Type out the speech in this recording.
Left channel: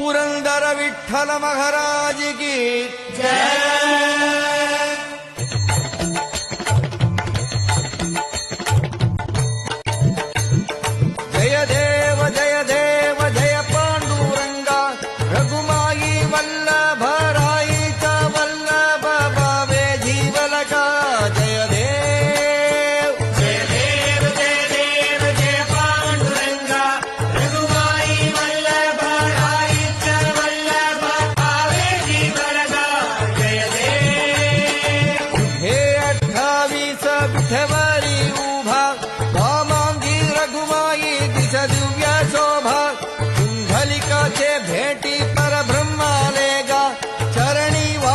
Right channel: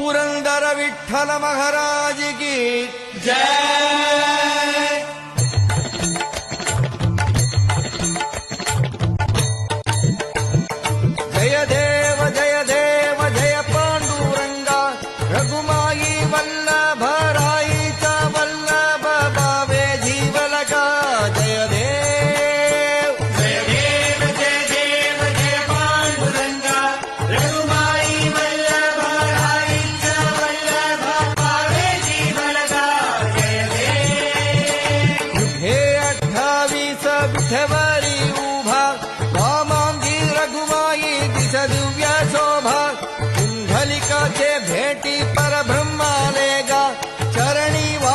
पुरंदर विठ्ठल महाराज की जय देव जय देव जय पांडुरंगा रघुमाई वल्लभ राईचा वल्लभ भावे जीवलका जय देव जय देव जय देव जय पांडुरंगा रघुमाई वल्लभ राईचा वल्लभ भावे जीवलका जय देव हे 28 विठवरी उभा वामांगी रघुमाई दिस दिव्य शोभा कुंडलिकाचे भेटी परब्रह्माले गा चरणी वा